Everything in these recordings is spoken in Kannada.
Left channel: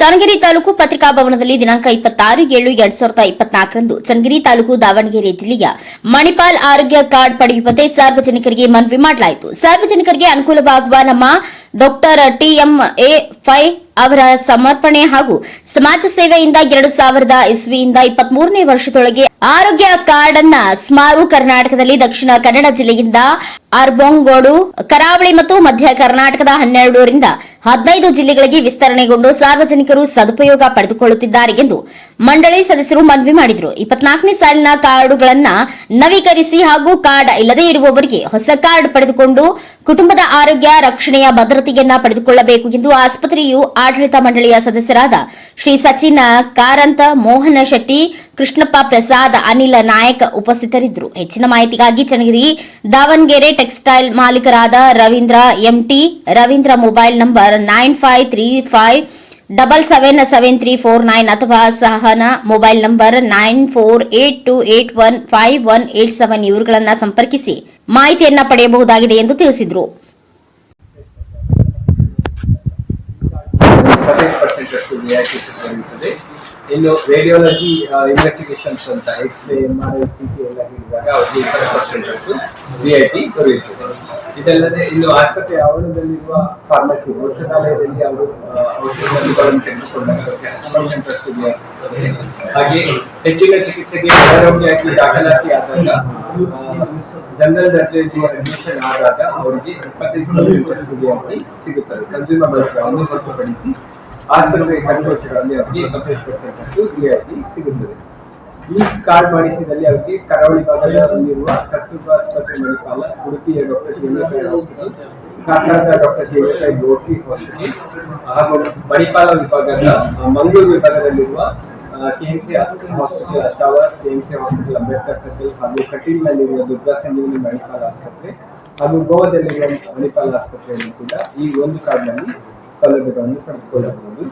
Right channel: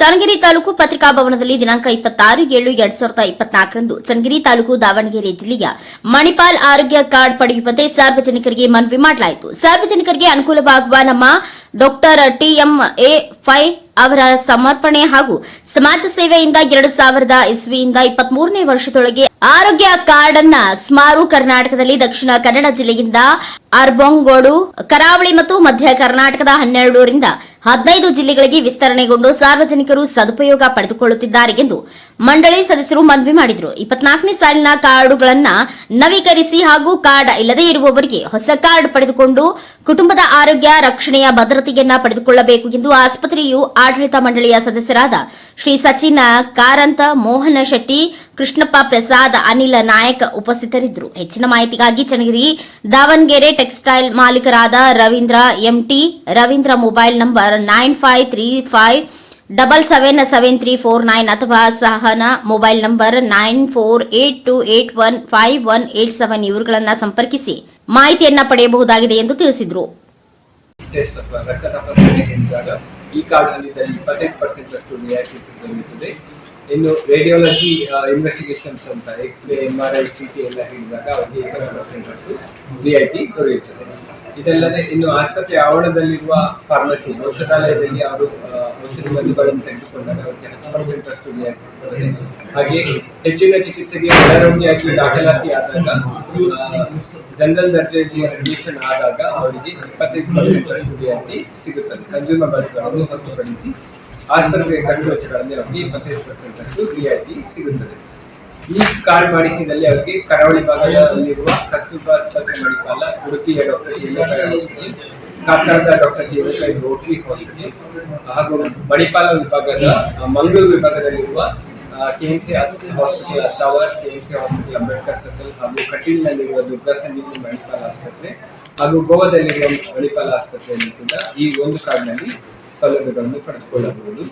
ಚನ್ನಗಿರಿ ತಾಲೂಕು ಪತ್ರಿಕಾ ಭವನದಲ್ಲಿ ದಿನಾಂಕ ಇಪ್ಪತ್ತಾರು ಏಳು ಎರಡ್ ಸಾವಿರದ ಇಪ್ಪತ್ನಾಲ್ಕರಂದು ಚನ್ನಗಿರಿ ತಾಲೂಕು ದಾವಣಗೆರೆ ಜಿಲ್ಲೆಯ ಮಣಿಪಾಲ್ ಆರೋಗ್ಯ ಕಾರ್ಡ್ ಪಡೆಯುವಂತೆ ಸಾರ್ವಜನಿಕರಿಗೆ ಮನವಿ ಮಾಡಲಾಯಿತು. ಸಾರ್ವಜನಿಕರಿಗೆ ಅನುಕೂಲವಾಗುವ ನಮ್ಮ ಡಾಕ್ಟರ್ ಟಿಎಂ ಎ ಫೈ ಅವರ ಸಮರ್ಪಣೆ ಹಾಗೂ ಸಮಾಜ ಸೇವೆಯಿಂದ ಎರಡು ಸಾವಿರದ ಇಸ್ವಿಯಿಂದ ಇಪ್ಪತ್ಮೂರನೇ ವರ್ಷದೊಳಗೆ ಆರೋಗ್ಯ ಕಾರ್ಡ್ ಅನ್ನ ಸ್ಮಾರು ಕರ್ನಾಟಕದಲ್ಲಿ ದಕ್ಷಿಣ ಕನ್ನಡ ಜಿಲ್ಲೆಯಿಂದ ಅರ್ಬೊಂಗೋಡು, ಕರಾವಳಿ ಮತ್ತು ಮಧ್ಯ ಕರ್ನಾಟಕದ ಹನ್ನೆರಡರಿಂದ ಹದಿನೈದು ಜಿಲ್ಲೆಗಳಿಗೆ ವಿಸ್ತರಣೆಗೊಂಡು ಸಾರ್ವಜನಿಕರು ಸದುಪಯೋಗ ಪಡೆದುಕೊಳ್ಳುತ್ತಿದ್ದಾರೆ ಎಂದು ಮಂಡಳಿ ಸದಸ್ಯರು ಮನವಿ ಮಾಡಿದರು. ಇಪ್ಪತ್ನಾಲ್ಕನೇ ಸಾಲಿನ ಕಾರ್ಡುಗಳನ್ನು ನವೀಕರಿಸಿ ಹಾಗೂ ಕಾರ್ಡ್ ಇಲ್ಲದೇ ಇರುವವರಿಗೆ ಹೊಸ ಕಾರ್ಡ್ ಪಡೆದುಕೊಂಡು ಕುಟುಂಬದ ಆರೋಗ್ಯ, ರಕ್ಷಣೆಯ ಭದ್ರತೆಯನ್ನ ಪಡೆದುಕೊಳ್ಳಬೇಕು ಎಂದು ಆಸ್ಪತ್ರೆಯು ಆಡಳಿತ ಮಂಡಳಿಯ ಸದಸ್ಯರಾದ ಶ್ರೀ ಸಚಿನ ಕಾರಂತ, ಮೋಹನ ಶೆಟ್ಟಿ, ಕೃಷ್ಣಪ್ಪ ಪ್ರಸಾದ್, ಅನಿಲ ನಾಯಕ್ ಉಪಸ್ಥಿತರಿದ್ದರು. ಹೆಚ್ಚಿನ ಮಾಹಿತಿಗಾಗಿ Channagiri Davanagere textile ಮಾಲೀಕರಾದ Ravindra, M T Ravindra mobile number nine five three five double seven seven three four nine ಅಥವಾ Sahana mobile number nine four eight two eight one five one eight seven ಇವರುಗಳನ್ನು ಸಂಪರ್ಕಿಸಿ. ಮಾಹಿತಿಯನ್ನ ಪಡೆಯಬಹುದಾಗಿದೆ ಎಂದು ತಿಳಿಸಿದರು. ಈ ಕಾರ್ಡ್ ಇನ್ನು ರೇಡಿಯಾಲಜಿ ಇನ್ವೆಸ್ಟಿಗೇಷನ್ಸ್ ಅಂತ x-ray M R I C T ಎಲ್ಲ ಹೇಳಿದಾಗ ಅವರಿಗೆ ಇಪ್ಪತ್ತು ಪರ್ಸೆಂಟ್ ಅಷ್ಟು ರಿಯಾಯಿತಿ ದೊರೆಯುತ್ತದೆ. ಇದಲ್ಲದೆ ಇನ್ನು ಆಸ್ಪತ್ರೆ ಆವರಣದಲ್ಲಿರುವ ಫಾರ್ಮಸಿ ಔಷಧಾಲಯದಲ್ಲಿ ಅವರು ಔಷಧಿಗಳನ್ನು ಔಷಧಗಳನ್ನು ತೆಗೆದುಕೊಂಡಾಗ ರಿಯಾಯಿತಿ ಸಿಗುತ್ತದೆ ಹಾಗೆ ಹೆಚ್ಚಿನ ಚಿಕಿತ್ಸೆಗೆ ಅನಾರೋಗ್ಯಾಗಿ ದಾಖಲಾತಿ ಆದಾಗ ಜನರಲ್ ದರ್ಜೆಯಲ್ಲಿ ಅಡ್ಮಿಷನ್ ಆದಾಗ ಅವರಿಗೆ ಇಪ್ಪತ್ತೈದು ಪರ್ಸೆಂಟ್ ಸಿಗುತ್ತದೆ. ಕನ್ಸ್ಯೂಮಬಲ್ಸ್ಗಳನ್ನು ಹೊರತುಪಡಿಸಿ ಆಸ್ಪತ್ರೆ ಕಂಡು ವೆಚ್ಚಗಳಲ್ಲಿ ಅವರಿಗೆ ಇಪ್ಪತ್ತೈದು ಪರ್ಸೆಂಟ್ ಅಷ್ಟು ರಿಯಾಯಿತಿ ಸಿಗುತ್ತದೆ. ಈ ಕಾರ್ಡ್ ಮಾಡಿಸಿದಲ್ಲಿ ಅವರಿಗೆ ಕರಾವಳಿ ಭಾಗದಲ್ಲಿರುವ ಕಸ್ತೂರ್ಬಾ ಆಸ್ಪತ್ರೆ ಮಣಿಪಾಲ ಉಡುಪಿಯ ಡಾಕ್ಟರ್ ಕಾಟಾರದ ಡಾಕ್ಟರ್ ಜೀವನಕರ ರೋಟರಿ ಹಾಸ್ಪಿಟಲ್ ಹಾಗೂ ಮಣಿಪಾಲ ವಿಭಾಗದ ಮಂಗಳೂರು ವಿಭಾಗದಲ್ಲಿರುವ ಕೆಎಂಸಿ ಹಾಸ್ಪಿಟಲ್ ಅಶಾವರ್ ಕೆಎಂಸಿ ಹಾಸ್ಪಿಟಲ್ ಅಂಬೇಡ್ಕರ್ ಸರ್ಕಲ್ ಹಾಗೂ ಕಟೀಲ್ನಲ್ಲಿರುವ ದುರ್ಗಾ ಸಂಜೀವಿನಿ ಮಣಿಪಾಲ ಆಸ್ಪತ್ರೆ ಹಾಗೂ ಗೋವಾದಲ್ಲಿರುವ ಮಣಿಪಾಲ ಆಸ್ಪತ್ರೆಯಲ್ಲಿ ಕೂಡ ಈ ಒಂದು ಕಾರ್ಡ್ನಲ್ಲಿ ಸೌಲಭ್ಯಗಳನ್ನು ಪಡೆದುಕೊಳ್ಳಬಹುದು.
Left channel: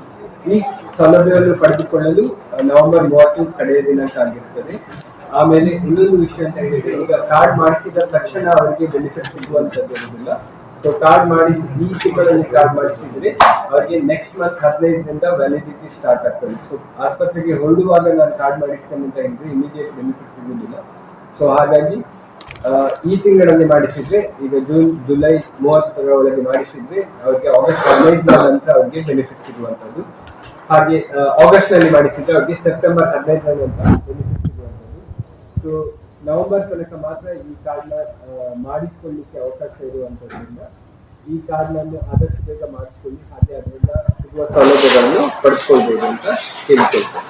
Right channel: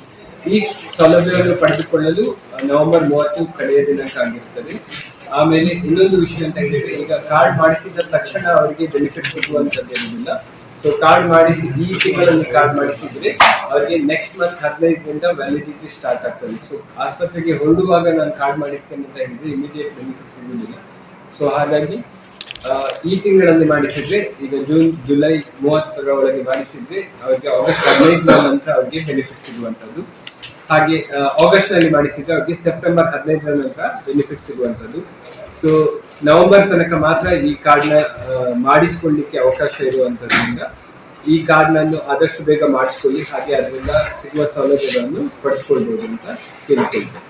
ಈ ಸೌಲಭ್ಯವನ್ನು ಪಡೆದುಕೊಳ್ಳಲು ನವೆಂಬರ್ ಮೂವತ್ತು ಕಡೆಯ ದಿನಾಂಕ ಆಗಿರುತ್ತದೆ. ಆಮೇಲೆ ಇನ್ನೊಂದು ವಿಷಯ ಅಂತ ಹೇಳಿದ್ರೆ, ಈಗ ಕಾರ್ಡ್ ಮಾಡಿಸಿದ ತಕ್ಷಣ ಅವರಿಗೆ ಬೆನಿಫಿಟ್ ಸಿಗುವಂತದ್ದು ಇರುವುದಿಲ್ಲ ಸೊ ಕಾರ್ಡ್ ಮಾಡಿಸಿ, ಈ ತಿಂಗಳಲ್ಲಿ ಕಾರ್ಡ್ ಮಾಡಿಸಿದ್ರೆ ಅವರಿಗೆ ನೆಕ್ಸ್ಟ್ ಮಂತ್ ಹದಿನೈದರಿಂದ ವ್ಯಾಲಿಡಿಟಿ ಸ್ಟಾರ್ಟ್ ಆಗ್ತದೆ. ಸೊ ಆಸ್ಪತ್ರೆಗೆ ಹೊರಡುವಾಗ ನಾನು ಕಾರ್ಡ್ ಮಾಡಿಸ್ತೇನೆ ಅಂತ ಹೇಳಿದ್ರೆ ಇಮಿಡಿಯೇಟ್ ಬೆನಿಫಿಟ್ ಸಿಗುವುದಿಲ್ಲ. ಸೊ ಹಾಗಾಗಿ ಈ ತಿಂಗಳಲ್ಲಿ ಮಾಡಿಸಿದ್ರೆ ಈಗ ಜೂನ್, ಜುಲೈ ಮೂವತ್ತರ ಒಳಗೆ ಮಾಡಿಸಿದ್ರೆ ಅವರಿಗೆ ಆಗಸ್ಟ್ ಹದಿನೈದರ ನಂತರ ಅವರಿಗೆ ಬೆನಿಫಿಟ್ ಸಿಗುವಂತದ್ದು ಹಾಗೆ ಆಗಸ್ಟ್ನಲ್ಲಿ ಮಾಡಿಸಿದ್ರೆ ಅವರಿಗೆ ಸೆಪ್ಟೆಂಬರ್ ಹದಿನೈದರ ನಂತರ ಬೆನಿಫಿಟ್ ಸಿಗುವಂತದ್ದು ಸೊ ನವೆಂಬರ್ ತನಕ ಮಾತ್ರ ಈ ಕಾರ್ಡ್ನ ಮಾಡಿಸ್ಕೊಳ್ಳಿಕ್ಕೆ ಅವಕಾಶ ಇರುವಂತದ್ರಿಂದ ಈ ಕಾರ್ಡ್ನನ್ನು ಆದಷ್ಟು ಬೇಗ ಮಾಡಿಸ್ಕೊಳ್ಳಿ, ಹಾಗೆ ಅದರಿಂದ ಸಿಗುವ ಸೌಲಭ್ಯಗಳನ್ನು ಪಡೆದುಕೊಳ್ಬೋದು ಅಂತ ಕೇಳಿಕೊಳ್ತೇನೆ